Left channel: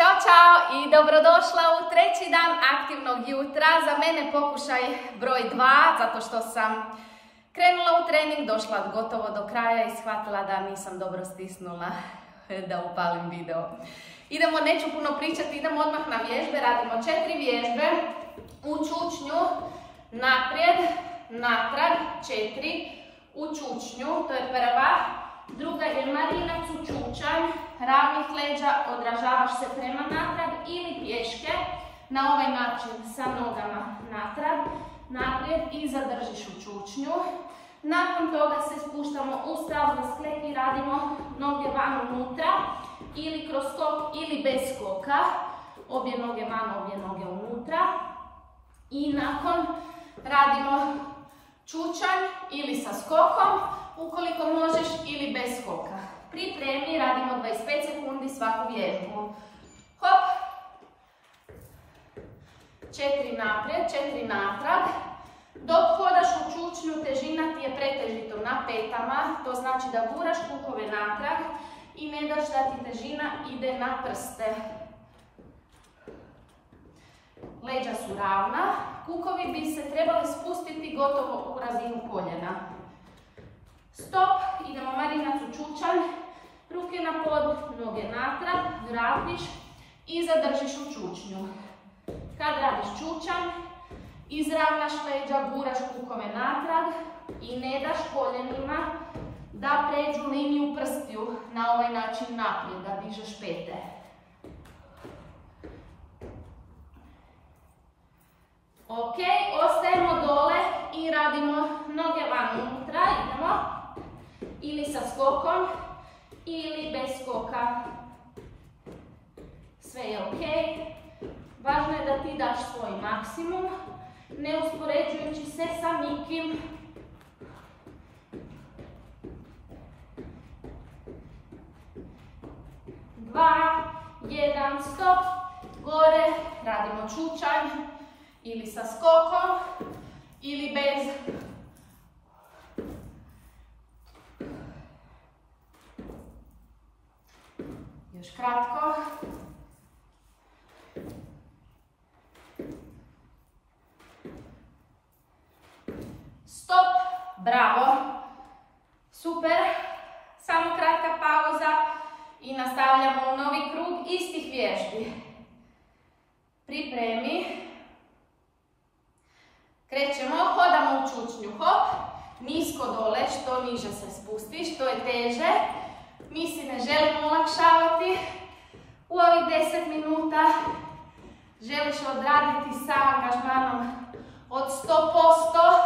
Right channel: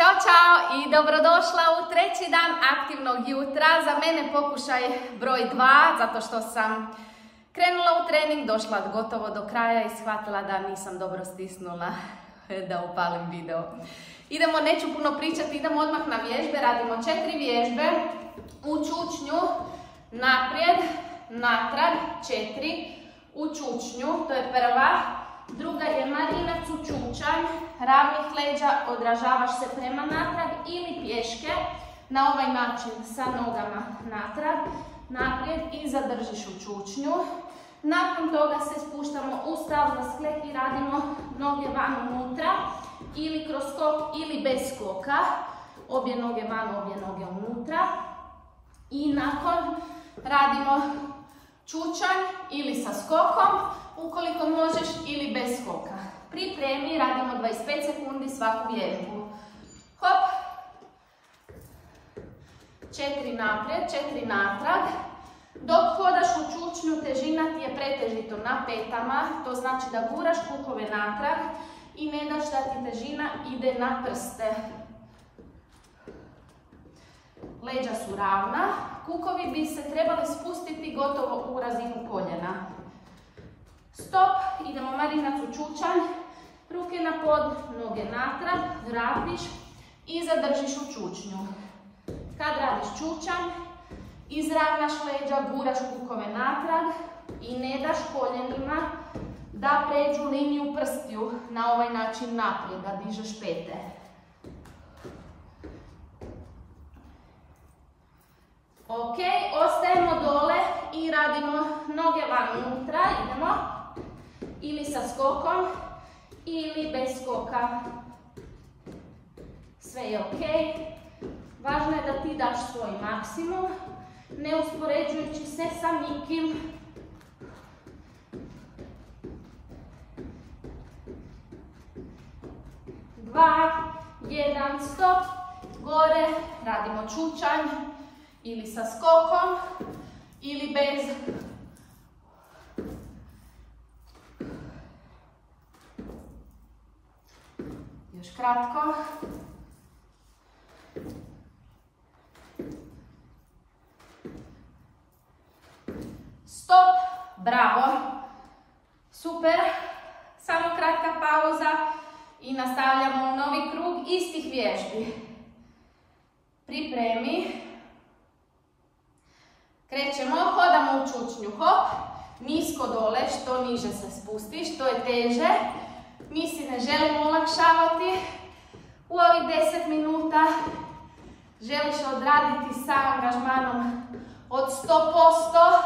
Ćao, čao i dobrodošla u treći dan aktivnog jutra. Za mene pokušaj broj 2, zato što sam krenula u trening, došla gotovo do kraja i shvatila da nisam dobro stisnula da upalim video. Idemo, neću puno pričati, idemo odmah na vježbe. Radimo 4 vježbe u čučnju, naprijed, natrag, 4, u čučnju, to je prva. Druga je marinac u čučanj, ravnih leđa, odražavaš se prema natrag ili pješke. Na ovaj način sa nogama natrag, naprijed i zadržiš u čučnju. Nakon toga se spuštamo u stav za sklep i radimo noge van unutra ili kroz skok ili bez skoka. Obje noge van, obje noge unutra. I nakon radimo čučanj ili sa skokom, ukoliko možeš, ili bez skoka. Pripremi, radimo 25 sekundi svaku vježbu. Hop. 4 naprijed, 4 natrag. Dok hodaš u čučnju, težina ti je pretežito na petama, to znači da guraš kukove natrag i ne daš da ti težina ide na prste. Leđa su ravna, kukovi bi se trebali spustiti gotovo u razinu koljena. Stop, idemo marinac u čučanj, ruke na pod, noge natrag, vratiš i zadržiš u čučnju. Kad radiš čučanj, izravnaš leđa, guraš kukove natrag i ne daš koljenima da pređu liniju prstiju na ovaj način naprijed, da dižeš pete. Ok, ostajemo dole i radimo noge van unutra, idemo. Ili sa skokom, ili bez skoka. Sve je ok. Važno je da ti daš svoj maksimum, ne uspoređujući se sa nikim. Dva, jedan, stop. Gore radimo čučanj, ili sa skokom, ili bez. Još kratko. Stop. Bravo. Super. Samo kratka pauza i nastavljamo u novi krug istih vježbi. Pripremi. Krećemo, hodamo u čučnju. Hop. Nisko dole, što niže se spustiš, to je teže. Mi si ne želimo olakšavati. U ovih 10 minuta želiš odraditi sa angažmanom od 100%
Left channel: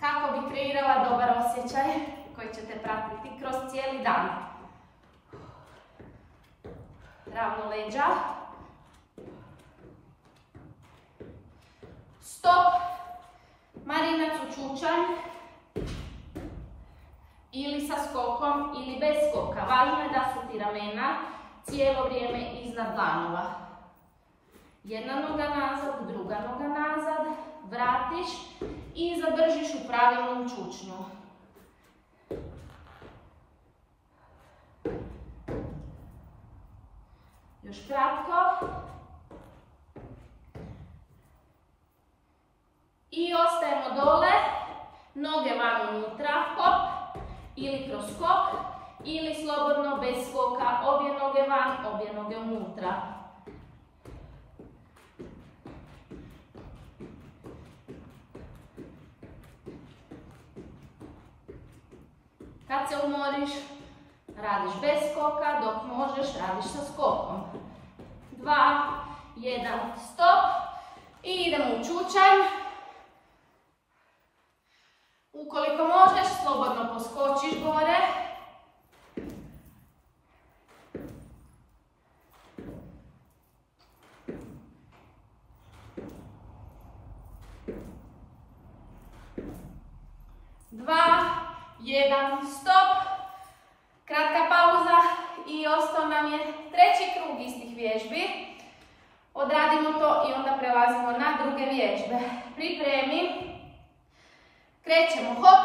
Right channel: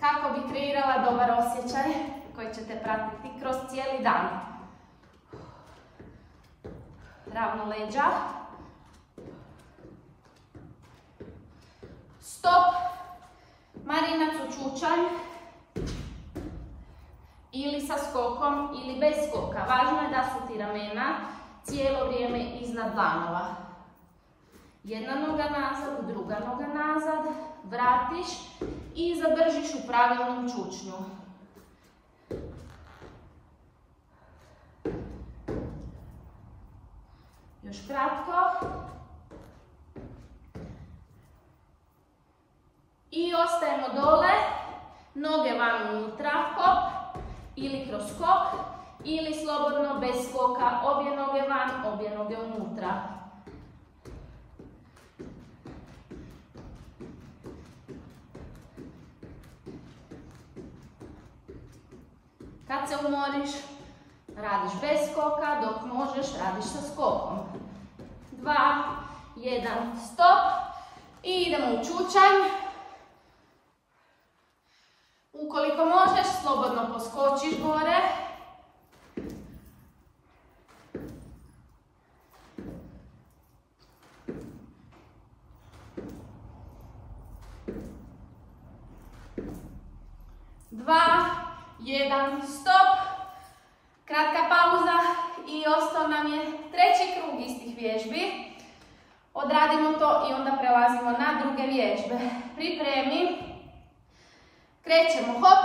kako bi kreirala dobar osjećaj koji će te pratiti kroz cijeli dan. Ravno leđa. Stop. Marinac u čučanj. Ili sa skokom, ili bez skoka. Važno je da su ti ramena cijelo vrijeme iznad dlanova. Jedna noga nazad, druga noga nazad. Vratiš i zadržiš u pravilnom čučnju. Još kratko. I ostajemo dole. Noge van unutra. Hop. Ili kroz skok, ili slobodno bez skoka, obje noge van, obje noge unutra. Kad se umoriš, radiš bez skoka, dok možeš, radiš sa skokom. 2, 1, stop. I idemo u čučanj. Ukoliko možeš, slobodno poskočiš gore. Dva, jedan, stop. Kratka pauza i ostao nam je treći krug istih vježbi. Odradimo to i onda prelazimo na druge vježbe. Pripremi. Krećemo, hop,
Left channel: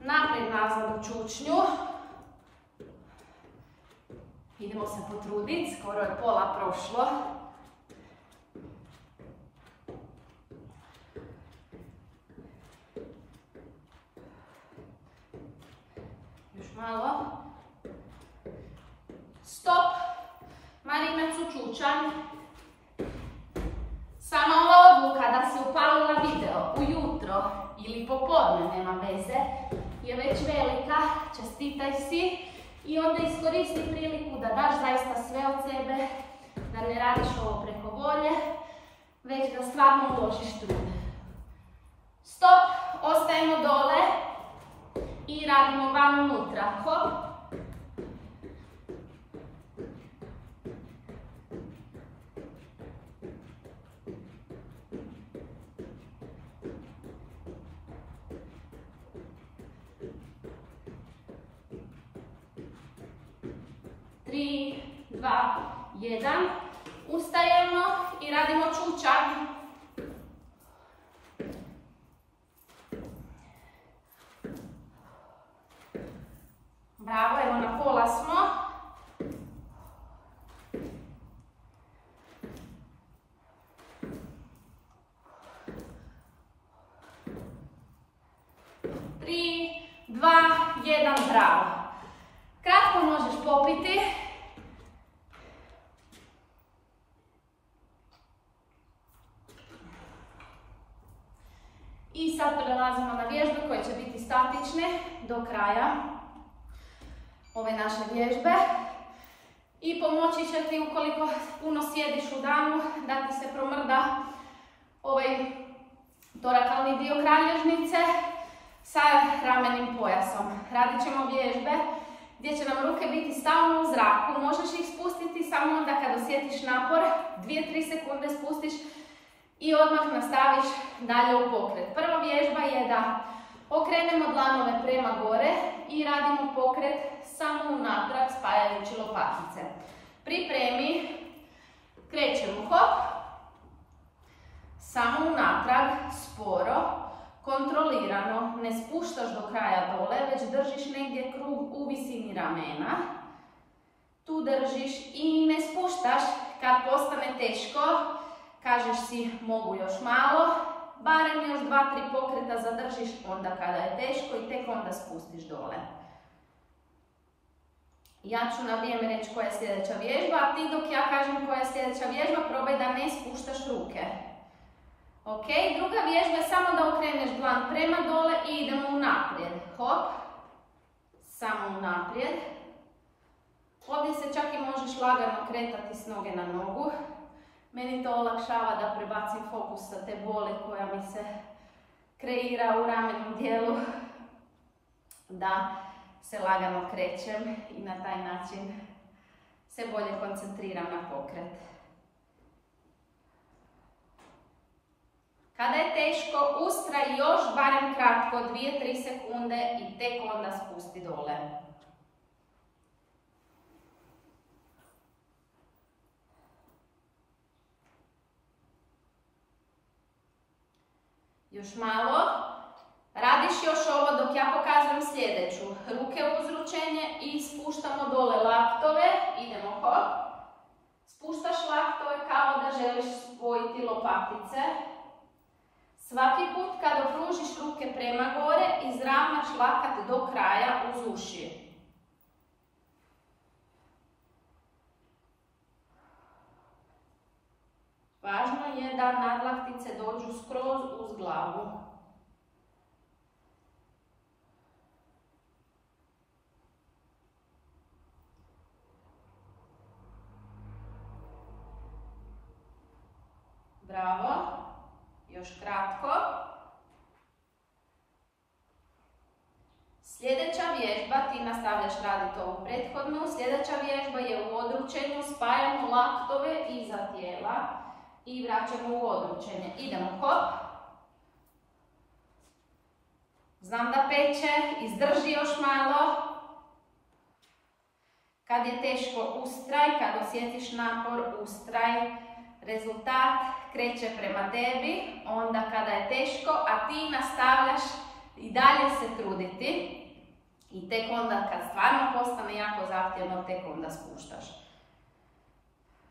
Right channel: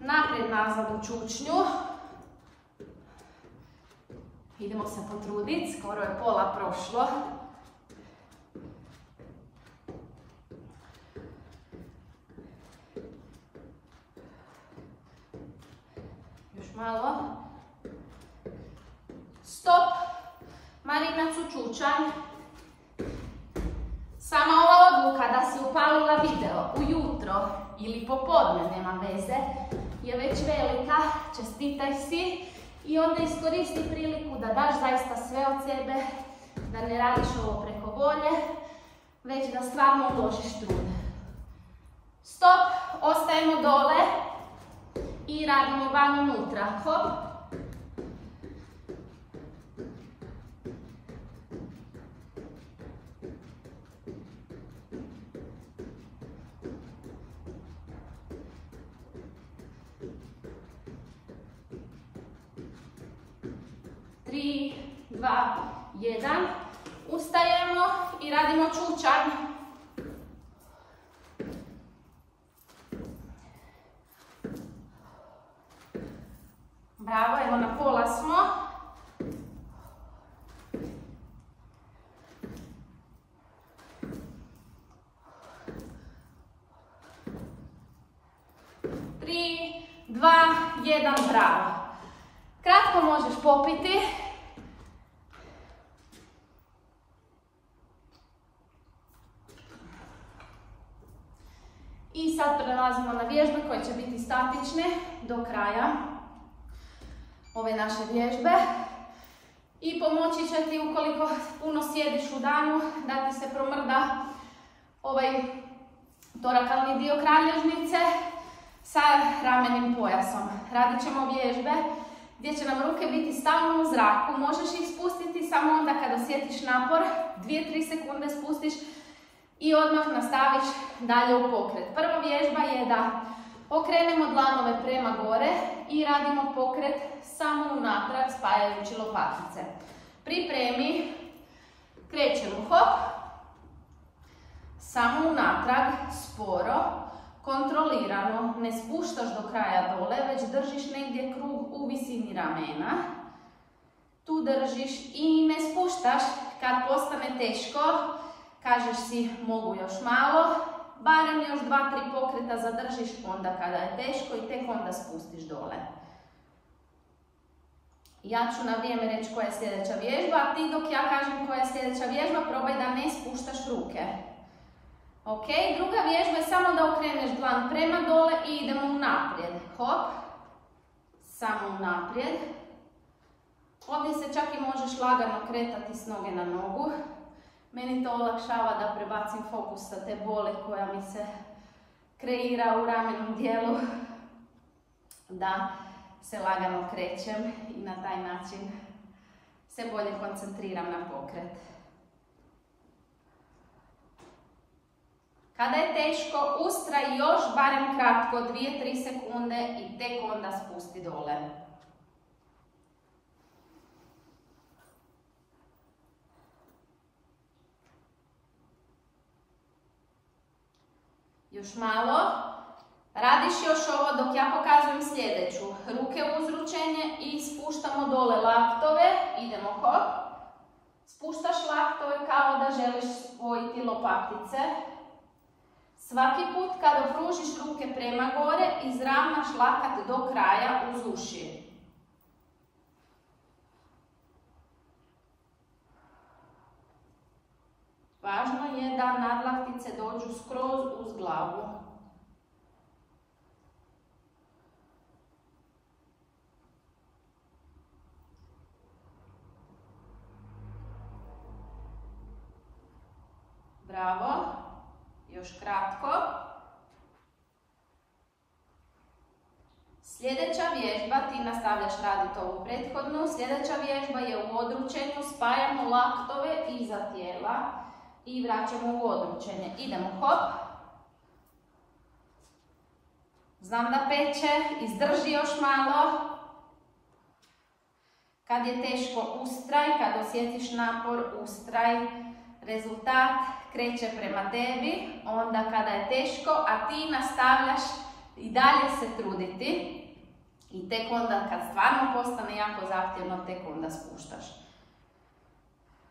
naprijed nazad u čučnju. Idemo se potruditi, skoro je pola prošlo. Još malo. Stop. Marina Cučučanj. Sama ova odluka da si upalila video ujutro ili popodne, nema veze, je već velika. Čestitaj si i onda iskoristi priliku da daš zaista sve od sebe, da ne radiš ovo preko volje, već da stvarno uložiš trud. Stop, ostajemo dole i radimo vam unutra. Hop. Tri, dva, jedan. Ustajemo i radimo čučanj. Bravo, evo na pola smo. Tri, dva, jedan, bravo. Kratko možeš popiti. I sad prelazimo na vježbe koje će biti statične do kraja ove naše vježbe. I pomoći će ti ukoliko puno sjediš u danu da ti se promrda ovaj torakalni dio kralježnice sa ramenim pojasom. Radit ćemo vježbe gdje će nam ruke biti stalno u zraku. Možeš ih spustiti samo onda kad osjetiš napor, 2-3 sekunde spustiš i odmah nastaviš dalje u pokret. Prva vježba je da okrenemo dlanove prema gore i radimo pokret samo unatrag spajajući lopatice. Pripremi, krećemo, hop, samo unatrag, sporo, kontrolirano, ne spuštaš do kraja dole, već držiš negdje krug u visini ramena. Tu držiš i ne spuštaš. Kad postane teško, kažeš si mogu još malo, barem još 2-3 pokreta zadržiš onda kada je teško i tek onda spustiš dole. Ja ću na vrijeme reći koja je sljedeća vježba, a ti dok ja kažem koja je sljedeća vježba, probaj da ne spuštaš ruke. Ok, druga vježba je samo da okreneš dlan prema dole i idemo unaprijed. Hop, samo unaprijed. Ovdje se čak i možeš lagano kretati s noge na nogu. Meni to olakšava da prebacim fokus sa te boli koja mi se kreira u ramenom dijelu, da se lagano krećem i na taj način se bolje koncentriram na pokret. Kada je teško, ustraj još barem kratko, 2-3 sekunde i tek onda spusti dole. Još malo. Radiš još ovo dok ja pokazujem sljedeću. Ruke uz ručenje i spuštamo dole laktove. Idemo hop. Spuštaš laktove kao da želiš spojiti lopatice. Svaki put kada pružiš ruke prema gore, izravnaš lakat do kraja uz uši. Važno je da nadlaktice dođu skroz uz glavu. Bravo. Još kratko. Sljedeća vježba, ti nastavljaš raditi ovu prethodnu. Sljedeća vježba je u odručenju. Spajamo laktove iza tijela i vraćamo u odručenje. Idemo hop. Znam da peče, izdrži još malo. Kad je teško, ustraj. Kad osjetiš napor, ustraj. Rezultat kreće prema tebi, onda kada je teško, a ti nastavljaš i dalje se truditi. I tek onda kad stvarno postane jako zahtjevno, tek onda spuštaš.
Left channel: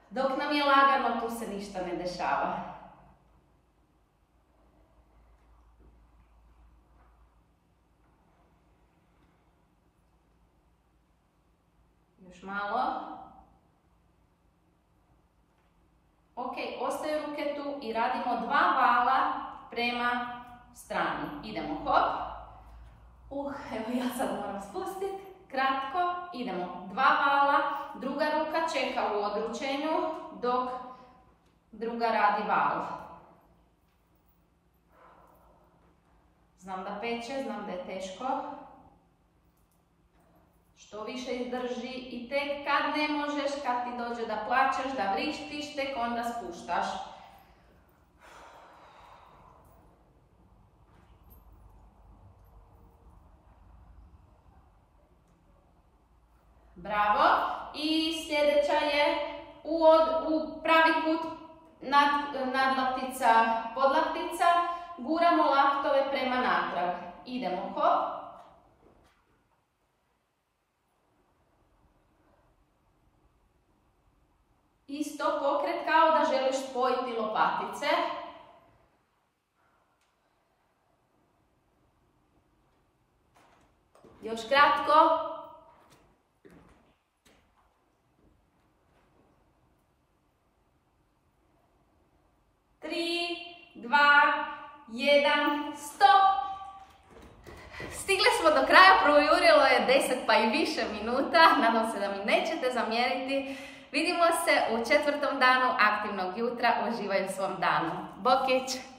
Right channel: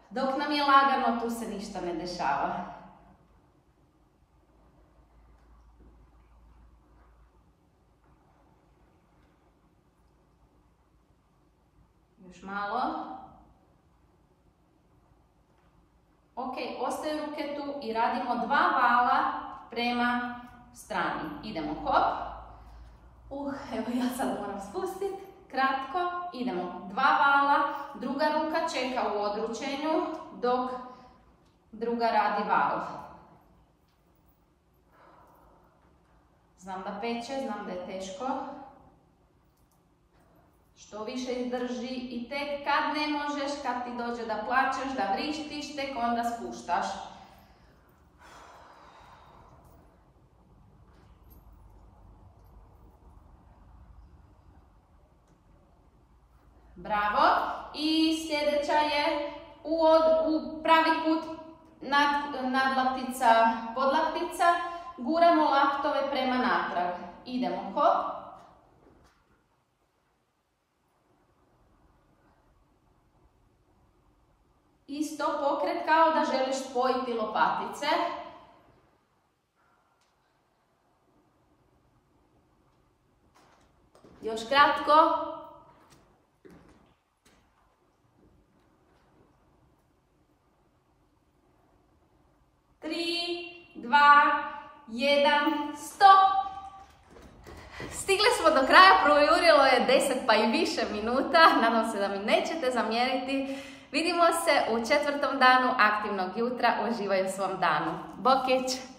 Dok nam je lagano, tu se ništa ne dešava. Još malo. Ok, ostaju ruke tu i radimo 2 vala prema strani. Idemo hop. Evo ja sad moram spustiti. Kratko. Idemo 2 vala. Druga ruka čeka u odručenju dok druga radi val. Znam da peče, znam da je teško. Što više izdrži i tek kad ne možeš, kad ti dođe da plačeš, da vrištiš, tek onda spuštaš. Bravo. I sljedeća je u pravi kut nadlaktica, podlaktica. Guramo laktove prema natrag. Idemo hop. Isto pokret kao da želiš spojiti lopatice. Još kratko. 3, 2, 1, stop! Stigli smo do kraja, projurilo je 10 pa i više minuta, nadam se da mi nećete zamjeriti. Vidimo se u 4. danu aktivnog jutra, uživaj u svom danu. Bokić!